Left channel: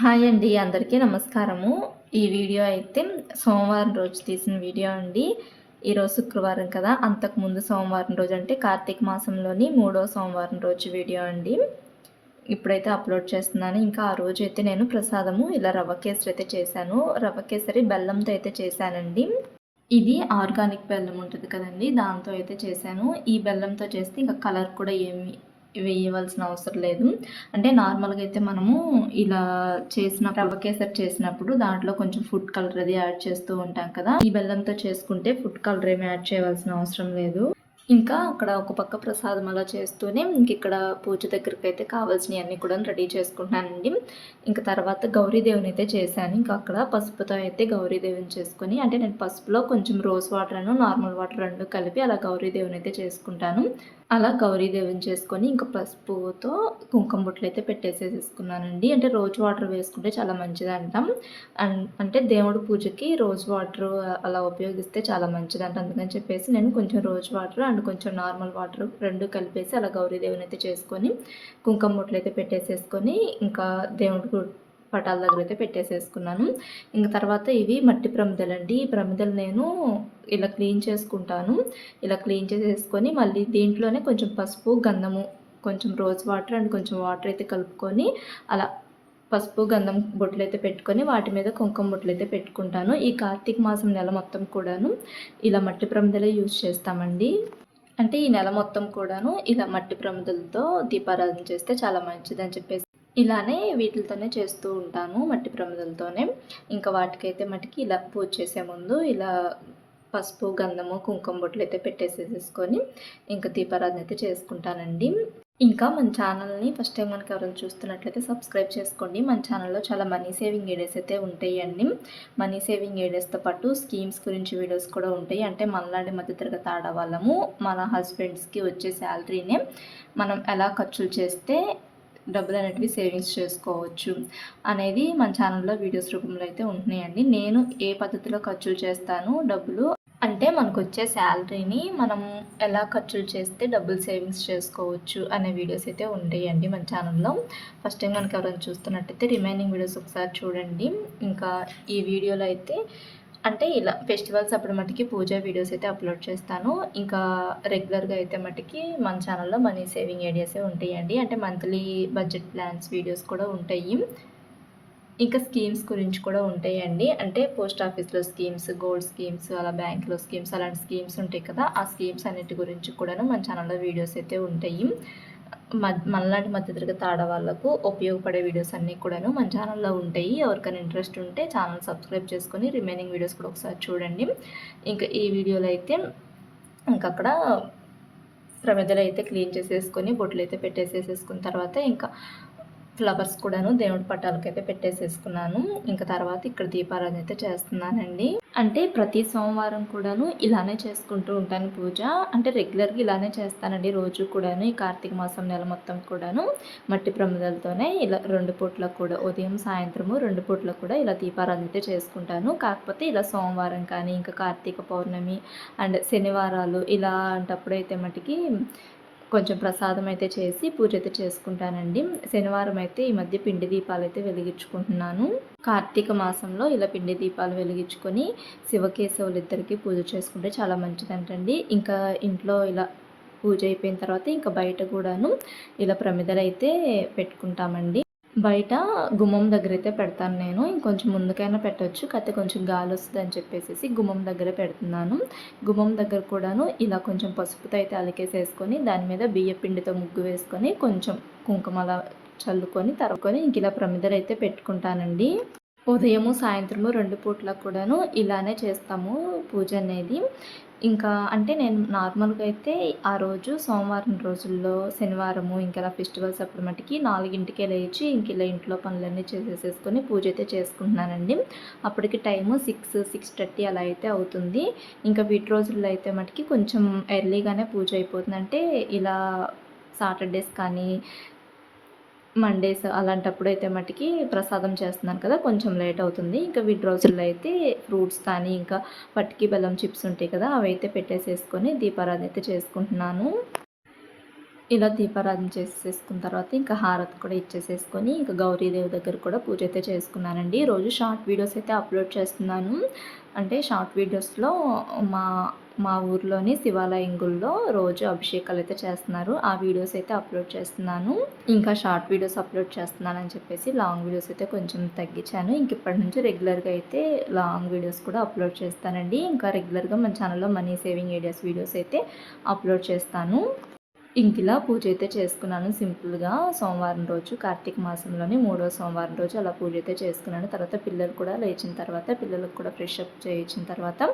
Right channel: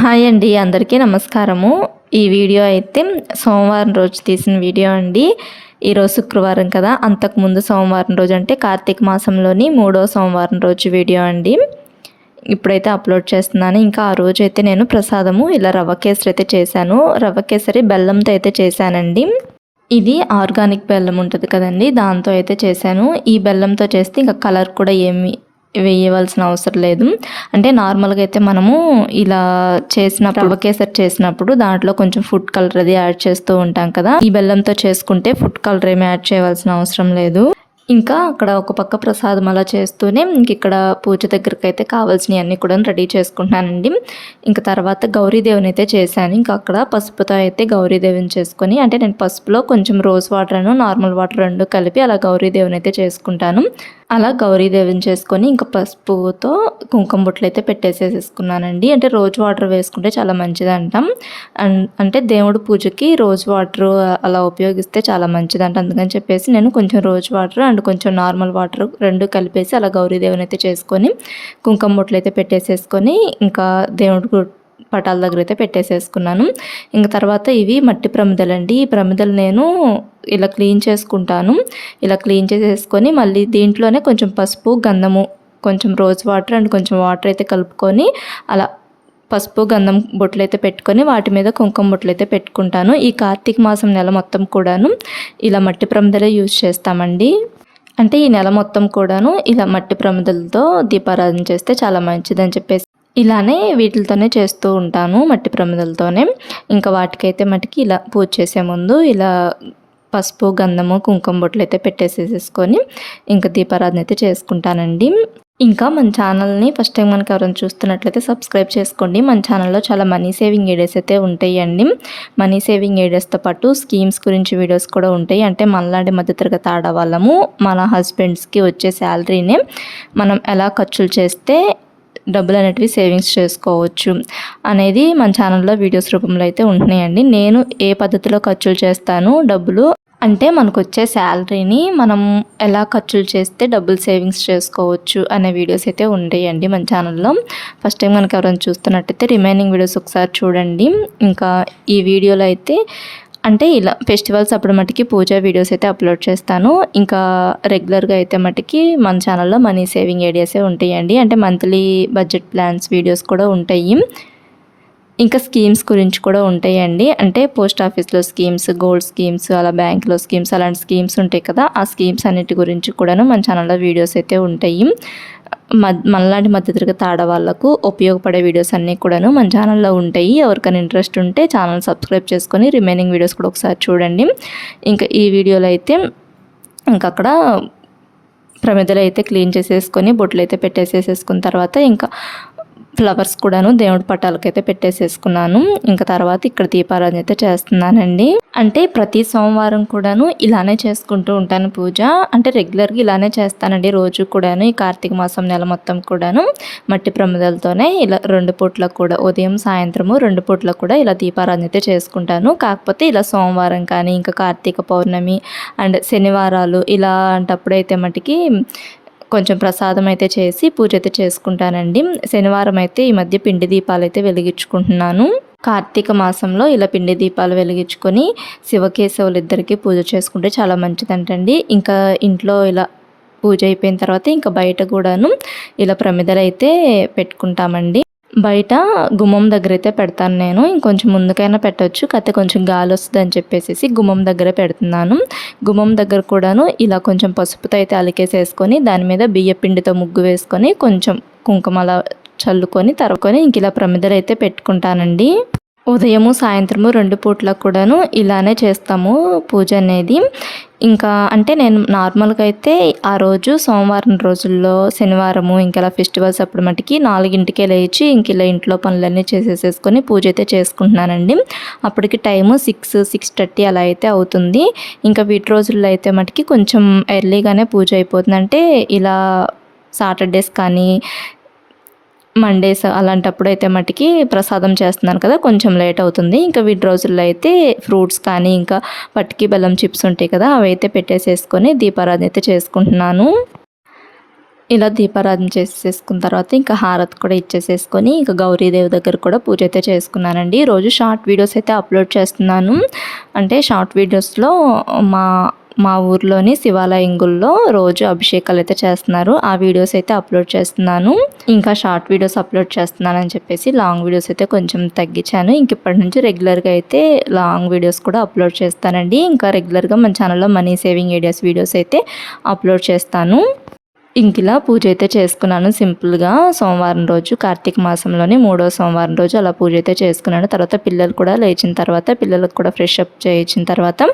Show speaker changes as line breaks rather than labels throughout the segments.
Hi అండి అందరికీ నమస్కారము. ఈ వీడియో అయితే సోమవారం రోజు తీసిన వీడియో అండి. ఈరోజు శుక్రవారం కదా అంతకుముందు సోమవారం రోజు అంటే కార్తీక మాసంలోని మూడో సోమవారం రోజు వీడియో అండి. ఇప్పుడైతే అప్లోడ్ చేస్తున్నాను. ఇంకా ఆ రోజు అయితే నేను ప్రసాదము ఇలా రవ్వ కేసరి అయితే చేశాను. రవ్వ కేసరి బెల్లంతో అయితే చేశానండి. ఇది ఆర్గానిక్ బెల్లం ఉంటుంది కదండి దాంతో అయితే చేశాను. ఈ బెల్లంతో చేస్తే ఇంకా కలర్ కూడా ఏమి వేయవలసిన అవసరం లేదు. అంటే నార్మల్గా అయితే మనము ఇలా చేసిన రవ్వ కేసరి చేసినప్పుడు దాంట్లో కొంచెం ఫుడ్ కలర్ అది యాడ్ చేస్తూ ఉంటాం కదా. ఈ బెల్లంతో చేసుకుంటే ఫుడ్ కలర్ ఏమి యాడ్ చేయవలసిన అవసరం లేదు. ఇంకా అక్కడ ఒక పక్క ప్రసాదం అలా చేస్తూనే ఇంక ఇక్కడ పూజ దగ్గరికి అయితే కావాల్సినవి అన్నీ కూడా రెడీ చేసుకుంటున్నానండి. ఇంకా తర్వాత గౌరీదేవిని అయితే చేశాను. ఇంకా అక్కడ పసుపుతో అయితే గౌరీదేవిని చేసుకొని అంటే నేను పసుపులో కొంచెం రోజ్ వాటర్ నార్మల్ వాటర్ రెండు కలిపి అలా గౌరీదేవిని అయితే చేసుకుంటాను. అలా గౌరీదేవిని చేసుకొని ఇంకా పసుపుతో కుంకుమ బుట్టలు అయితే పెట్టేసేసుకున్నానండి అంటే రోజు వాటర్ వేసుకుంటే చాలా మంచిది అంటాం అంటే దేవుడు పూజకి రోజు వాటర్ అలా ఉపయోగిస్తే చాలా మంచిది అంట అందుకని చెప్పేసి నేను కొంచెం రోజు వాటర్ అండ్ కొంచెం నార్మల్ వాటర్ రెండు కలిపేసి అలా గౌరీదేవిని అయితే చేసుకొని కుంకుమ బుట్టలు అయితే పెట్టేసేసుకొని ఇంకా దేవుడు పటాల దగ్గర అయితే పెట్టేసేసుకున్నాను. ఇంక తర్వాత ఇవి మట్టి ప్రమిదలండి. ఈ ప్రమిదలు నేను ఇలా క్లీన్ చేసుకుంటాను. ఇలా క్లీన్ చేసేసుకొని మళ్ళీ దీంట్లోనే కొంచెం పసుపు గంధము కొంచెం రోజ్ వాటర్ అండ్ కొంచెం వాటర్ అయితే కలుపుకొని అలా పసుపు గంధం బొట్లు అయితే పెట్టుకొని వాటి మీద కుంకుమ బొట్లు అయితే పెట్టుకుంటాను. ఈ కార్తీక మాసం నెల మొత్తం కూడాను ఇలా మట్టి ప్రమిదలే యూజ్ చేస్తామండి. అంటే ఈ నెల మొత్తం కూడాను ఇలా మట్టి ప్రమిదలతో దీపారాధన చేస్తే చాలా మంచిదని చెప్పేసి ఇలానే వీటితోనే చేస్తూ ఉంటాను మట్టి ప్రమిదలతోనే. ఇంకా వాటికైతే మట్టికి ఇలా పూజ చేసే ముందు ఇలా పసుపు గంధము కుంకుమ బొట్లు అయితే పెట్టేసేసుకొని ఇంకా దీపారాధన అయితే చేసుకుంటానండి. ఇంకా మన ఛానల్ని ఫస్ట్ టైం మనకి ఎవరైనా చూస్తున్నట్లయితే సబ్స్క్రైబ్ చేసుకోండి. మన ఛానల్లో చాలా మనీ సేవింగ్ ఏడియాస్ అయితే ఉంటాయండి. మనీ సేవింగ్ ఏడియాస్తో పాటు స్కీమ్స్ గురించి వీడియోస్ కూడా ఉంటాయి. అంటే మనలాంటి మధ్యతరగతి ఆడవాళ్ళము మన హస్బెండ్స్కి వచ్చే శాలరీని మనం ఎలా ఖర్చులు చేస్తే డబ్బులు అనేటివి సేవింగ్స్ చేసుకోవచ్చు అనేది మన ఛానల్లో వీడియోస్ రూపంలో అయితే ఉంటున్నాయండి. నేను ఏ పద్ధతిలో ఖర్చులు చేస్తాను డబ్బులు అంటే మనకు వచ్చే శాలరీని మనం ఎలా ఖర్చులు చేస్తే డబ్బులు సేవింగ్స్ చేసుకోవచ్చు అనే వీడియోస్ అయితే ఉండేయండి మన ఛానల్లో. ఫస్ట్ టైం మనకు ఎవరైనా చూస్తున్నట్టయితే రిమైనింగ్ వీడియోస్ ఒకసారి చూడండి. ఇంకా ఈ వీడియోలో అయితే అంటే ఇలా ఫెస్టివల్స్ అప్పుడు మటుకి పూజ వీడియోస్ అయితే అప్లోడ్ చేస్తాను. ఇంకా రెగ్యులర్గా అయితే మటుకి మన ఛానల్లో మనీ సేవింగ్ ఐడియాసే ఉంటాయండి. అంటే మంత్లీ బడ్జెట్ ప్లాన్స్ వీడియోస్ కూడా ఉంటాయి. ఇంకా స్కీమ్స్ గురించి కూడా ఉంటాయండి. అంటే పోస్ట్ ఆఫీస్లో స్కీమ్స్ గోల్డ్ స్కీమ్స్ అలా బ్యాంక్లో స్కీమ్స్ అలాంటి స్కీమ్స్ ఉంటాయి కదా ఆ స్కీమ్స్ అన్నిటి గురించి కూడాను మన ఛానల్లో వీడియోస్ అయితే ఉంటాయి. మనలాంటి మధ్యతరగతి ఆడవాళ్ళకు ఉపయోగపడే వీడియోస్ అన్నీ కూడాను మన ఛానల్లో ఉంటాయి. ఎవరికైనా ఇంట్రెస్ట్ ఉంటే ఛానల్ సబ్స్క్రైబ్ చేసుకొని రిమైనింగ్ వీడియోస్ కూడా ఒకసారి చూడండి. ఇంకా ఈ వీడియోలో అయితే ఇంకా అక్కడ ప్రమిదలు అయితే క్లీన్ చేసేసుకొని బొట్లు అయితే పెట్టేసేసేసుకున్న తర్వాత ఇంకా ఫ్లవర్స్ కూడాను దేవుడి పటాలకైతే పెట్టేసేసుకున్నాను. ఇంకా తర్వాత ఇక్కడ దీపారాధన అయితే చేస్తున్నానండి. అంటే ప్రతి సోమవారం కూడాను ఇలానే చేసుకుంటూ ఉంటాను పూజ. అంటే రెగ్యులర్గా ఇలానే చేస్తానండి. రోజు కూడాను ఈ కార్తీక మాసం నెల మొత్తం కూడాను మట్టి ప్రమిదలతోనే ఇలా రెండు పూట్లకు కూడా ఉదయం సాయంత్రము రెండు పూట్ల కూడా ఇలా దీపారాధన అయితే చేసుకుంటాను. కాకపోతే ఇలా సోమవారం కానీ ఇంకా కార్తీక పౌర్ణమి అండ్ శనివారాలు ఇలా అంటప్పుడైతే మటుకి కొంచెం ప్రసాదం అయితే చేసి పూజ అయితే చేసుకుంటానండి. శనివారం అయితే ఈ మధ్య పిండి దీపాలు అయితే వెలిగించుకుంటున్నాను. కార్తీక మాసంలో ఇలా పిండి దీపాలు వెలిగించుకొని శివకేశవులు ఇద్దరికి పూజ చేసుకుంటే చాలా మంచిదంటండి. ఇంకా ఇంట్లో ఇలా పూజ అయిపోయిన తర్వాత ఇంకా బయట కూడాను ఇలా ప్రమిదలు అయితే పెట్టుకుంటామండి. బయట గుమ్మం దగ్గర అయితే పెడతాను నేను. ఇంకొంచెం ముందుకైనా పెట్టవచ్చు కాకపోతే కొంచెం గాలి వస్తుంది అని చెప్పేసి గుమ్మం దగ్గర పెడుతున్నాను. గుమ్మం దగ్గర కూడాను ఇలా కొంచెం పసుపుతో అయితే అలికేసేసుకొని దాని మీద బియ్య పిండితో ముగ్గు వేసుకొని కొంచెం కుంకుమ అలా చల్లుకొని తరుకొని ఇంక ఇలా ప్రమిదలు అయితే పెట్టుకుంటానండి. ఉదయము సాయంత్రము రెండు పూట్లకు కూడాను ఇలానే చేస్తాము పూజ అనేది. ఇంకా అంటే నేను నార్మల్గా అయితే ఆ రోజు సోమవారం రోజుల్లో శనివారము ఇంకా ఫెస్టివల్స్ అప్పుడు మటుకి నాలుగింటికే లేచి ఇంక ఇలా ఇంట్లో పనులన్నీ చేసేసేసుకొని పూజ అయితే చేసుకుంటున్నానండి. అప్పటికి టైము సిక్స్ సిక్స్ థర్టీ అలా అయితే అవుతుంది. ఇంకా వీటి రోజుల్లో అయితే మటుకి కొంచెం ఎర్లీగానే పూజ అయిపోతుంది అంటే ఇలా సాటర్డేస్ కానీ మండేస్ అలాంటప్పుడు అయితే మటుకి ప్రసాదం చేస్తున్నాను కదా కొంచెం లేట్ అవుతుంది. ఇంకా వీటి రోజుల్లో అయితే ఫ్రూట్స్ కానీ ఇంకా పట్టికి బెల్లం చిప్స్ ఉంటాయి కదా అవి అయితే పెట్టేసేసుకొని దీపారాధన అయితే చేసుకుంటున్నాను. ఇలా దీపారాధన చేసేసుకున్న తర్వాత ఇంకా హారతి కూడా ఇచ్చేసేసుకొని ఇంకా గౌరీదేవి దగ్గర కూడా పూజ అయితే చేసుకున్నానండి. రోజు షార్ట్ వీడియోస్ అయితే అప్లోడ్ చేస్తున్నాను. అంటే షార్ట్ వీడియోస్లో మా మా ఊర్లోని శివాలయంగుల్లో రోజు అభిషేకాలు అయితే చేస్తున్నారు. ఆ వీడియోస్ అయితే అప్లోడ్ చేస్తున్నాను. ఇంకా షార్ట్ వీడియోస్ అప్లోడ్ చేస్తున్నానని చెప్పేసి లాంగ్ వీడియోస్ అయితే కొంచెం తగ్గించాను. ఇంక ఇప్పటి నుంచి రెగ్యులర్గా అయితే లాంగ్ వీడియోస్ కూడా అప్లోడ్ చేస్తానండి. ఇంకా రెగ్యులర్గా మన ఛానల్లో మనీ సేవింగ్ ఐడియాస్ వీడియోస్ అయితే అప్లోడ్ చేస్తాను. ఇంకిలా పూజ అయితే చేసుకున్నాను సింపుల్గా. సోమవారం రోజు కార్తీక మాసంలోని మూడో సోమవారం రోజు అలా పూజ అయితే చేసుకున్నాను. తర్వాత పిల్లలు కూడా లేచిన తర్వాత పిల్లలకు కూడా ఫ్రెష్ అప్ చేయించిన తర్వాత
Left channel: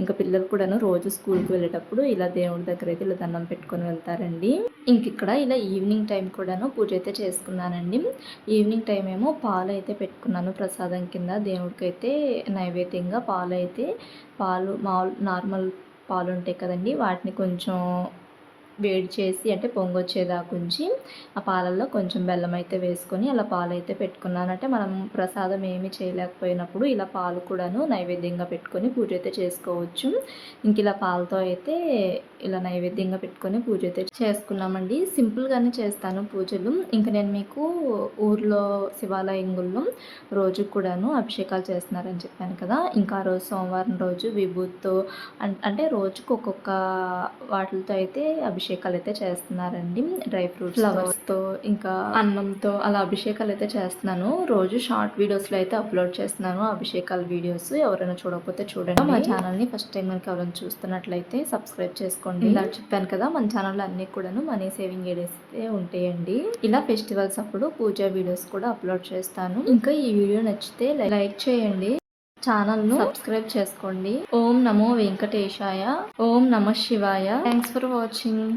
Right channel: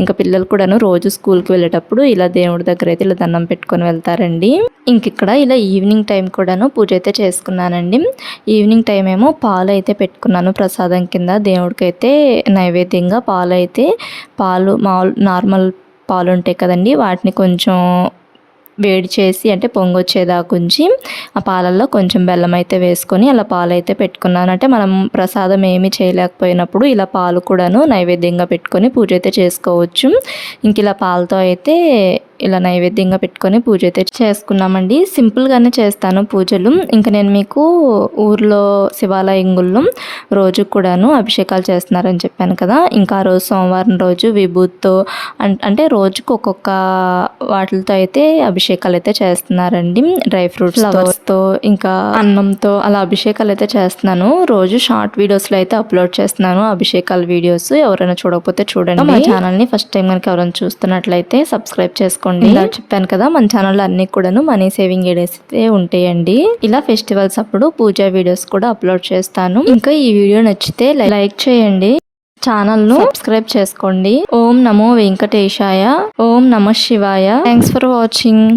ఇంకా పిల్లలు కూడాను రోజు స్కూల్కి వెళ్ళేటప్పుడు ఇలా దేవుడి దగ్గర అయితే ఇలా దండం పెట్టుకొని వెళ్తారండి. ఇంక ఇక్కడ ఇలా ఈవినింగ్ టైం కూడాను పూజ అయితే చేసుకున్నానండి. ఈవినింగ్ టైం ఏమో పాలు అయితే పెట్టుకున్నాను ప్రసాదం కింద. దేవుడికి అయితే నైవేద్యంగా పాలు అయితే పాలు మామూలు నార్మల్ పాలు ఉంటాయి కదండి వాటిని కొంచెం వేడి చేసి అంటే పొంగొచ్చేదాకా ఉంచి ఆ పాలల్లో కొంచెం బెల్లం అయితే వేసుకొని అలా పాలు అయితే పెట్టుకున్నాను. అంటే మనం ప్రసాదం ఏమీ చేయలేకపోయినప్పుడు ఇలా పాలు కూడాను నైవేద్యంగా పెట్టుకొని పూజ అయితే చేసుకోవచ్చు. ఇంక ఇలా పాలతో అయితే ఇలా నైవేద్యంగా పెట్టుకొని పూజ అయితే చేసుకున్నామండి. సింపుల్గానే చేస్తాను పూజలు. ఇంకా నేను మీకు ఊర్లో శివాలయంగుల్లో రోజు కూడాను అభిషేకాలు చేస్తున్నారని చెప్పాను కదా. ఇంకా రోజు సోమవారం రోజు విభూతితో అంటే రోజుకు ఒక్కొక్క వాటితో అయితే అభిషేకాలు అయితే చేస్తున్నారండి. డ్రై ఫ్రూట్స్ ఫ్లవర్స్తో ఇంకా అన్నంతో అలా అభిషేకాలు అయితే చేస్తున్నాను. రోజు షార్ట్ వీడియోస్లో అయితే అప్లోడ్ చేస్తున్నాను. అభిషేకాల వీడియోస్ ఎవరైనా చూడకపోతే చూడండి. మా ఛానల్ని ఫస్ట్ టైం కనుక ఎవరైనా చూస్తున్నట్లయితే సబ్స్క్రైబ్ చేసుకోండి. ఇలా చెప్పాను కదా మన ఛానల్లో అన్ని కూడాను మనీ సేవింగ్ వీడియోస్ అయితే ఉంటాయండి. ఇలా ఫెస్టివల్స్ అప్పుడు పూజా వీడియోస్ కూడా అప్లోడ్ చేస్తాను. ఇంకా ఈ వీడియో నచ్చితే లైక్ చేయండి. ఛానల్ను సబ్స్క్రైబ్ చేసుకోండి. ఓం నమో వెంకటేశాయ. ఓం నమ శివాయ. Thanks for watching